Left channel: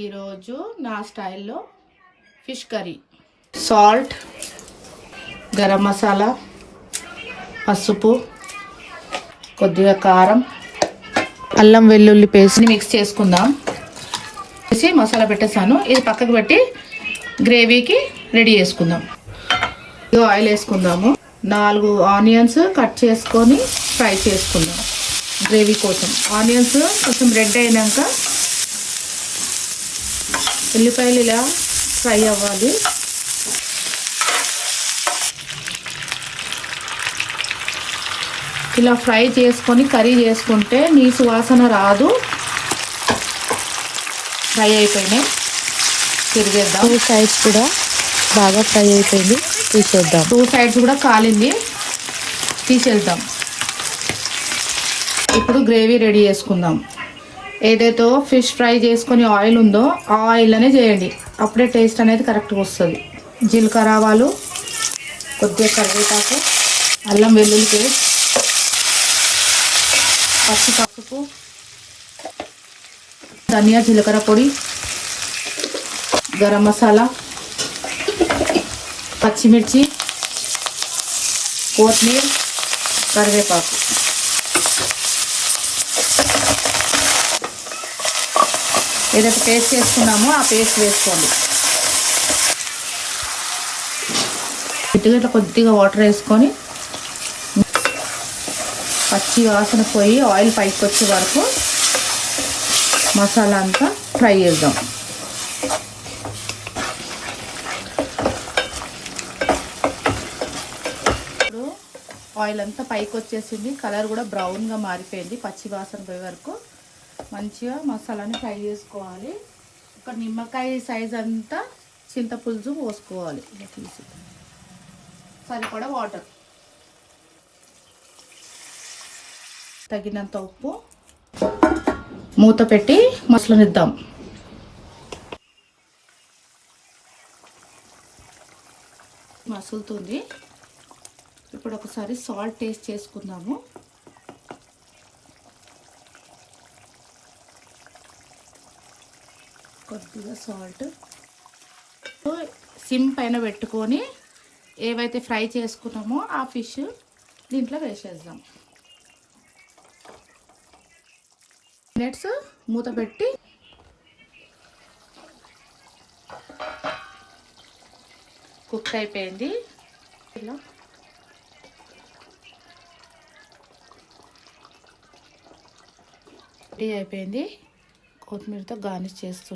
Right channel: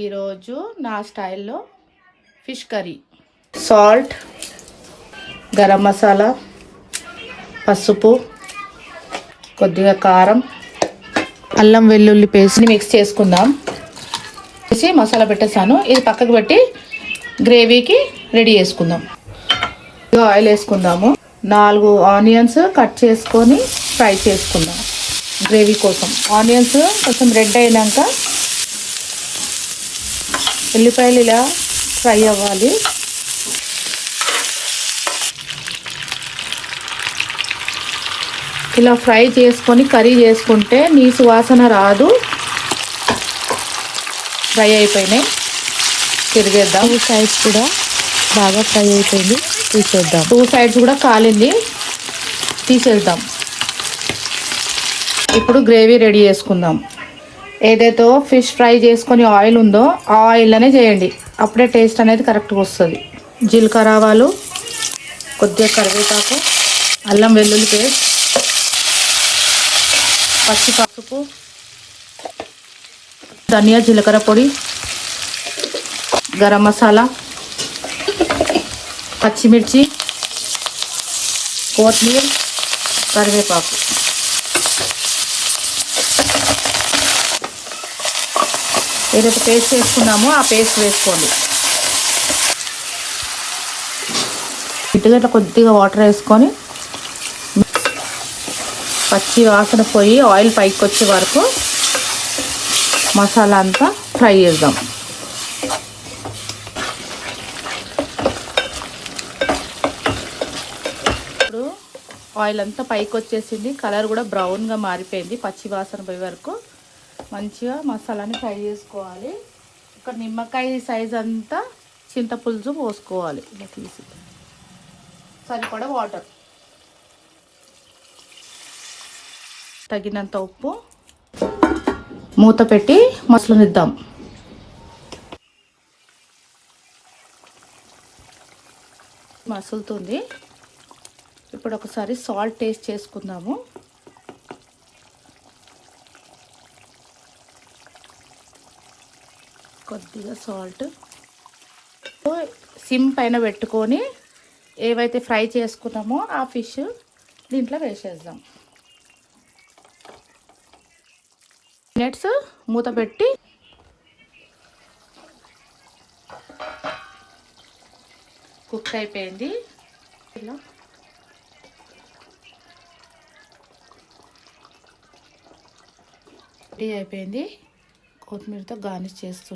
ఈరోజు నా స్టైల్లో fish curry. Salt, garam masala, పసుపు, కొద్దిగా కారం, అల్లం వెల్లుల్లి పేస్ట్ని మిక్స్ చేసుకుందాం. వేసి మసాలా పెట్టేసాను. ఇది పక్కకు పెట్టి గ్రేవీకి రెడీ చేసుకుందాం. ఆయిల్ వేసుకుందాము. 4 ఆనియన్స్ కట్ చేసుకొని ఫ్రై చేసుకుందాం గ్రేవీ కోసం. ఆనియన్స్ కొంచెం రెడ్ అయినాక ఉల్లిపాయలు ఇలా ఫ్రై అవ్వాలి. ఇలా ఫ్రై చేసుకొని కర్రీ చేసుకుంటే నీసు వాసన రాదు. ఫ్రై అయిపోయినాయి, తిరిగేద్దాం. 2 సైడ్స్ కూడా బాగా ఫ్రై అయిపోయింది, తీసేద్దాం. 2 సైడ్స్ కూడా కాలింది, తీసేద్దాం. ఇప్పుడు గ్రేవీ రెడీ చేసుకుందాం. ఏదైతే ఫిష్ ఫ్రై చేసుకొని ఆయిల్ ఉందో ఆ ఆయిల్లోనే చేయండి, అప్పుడే టేస్ట్ అనేది కరెక్ట్గా వస్తుంది. జీలకర్ర ఆవాలు, కొద్దిగా కరివేపాకు, అల్లం వెల్లుల్లి పేస్ట్, పసుపు, ధనియా జీలకర్ర పొడి, గరం మసాలా, పచ్చిమిర్చి, కొత్తిమీర, కరివేపాకు. ఏదైతే పేస్ట్ చేసుకున్నామో ఆ పేస్ట్ వేసుకోండి. ఇటుగట్ల కొద్దిగా వాటర్ వేసుకొని పచ్చి వాసన పోయి ఆయిల్ పైకి వచ్చే వరకు మసాలా అంతా ఫ్రై చేద్దాం. ఇప్పుడు ఆయిల్ అంతా పైకి వచ్చేసింది, కలర్ కూడా బ్రౌన్గా మారిపోయింది. పచ్చి వాసన పోయే వరకు మంచిగా మసాలాని ఫ్రై చేసుకోవాలి. ఒక నిమ్మకాయ సైజ్ అంతా చింతపులుసు పోసుకోవాలి. ఇలా తీసి సరిపడా వాటర్, తగినంత ఉప్పు, మూత పెట్టి మసలనిద్దాం. మసులుతుంది. ఇప్పుడు ఒకసారి సాల్ట్ టేస్ట్ చేసుకుందాము. కొద్దిగా సాల్ట్. సిమ్ పైన పెట్టుకొని ఏవైతే ఫ్రై చేసుకున్నామో ఆ ఫిష్ దీంట్లో వేసేద్దాం. మినిట్స్ మూత పెట్టి కుక్ అయిపోయింది. ఇలా రెడీ అయిపోయింది. కొత్తిమీరతో గార్నిష్ చేస్తూ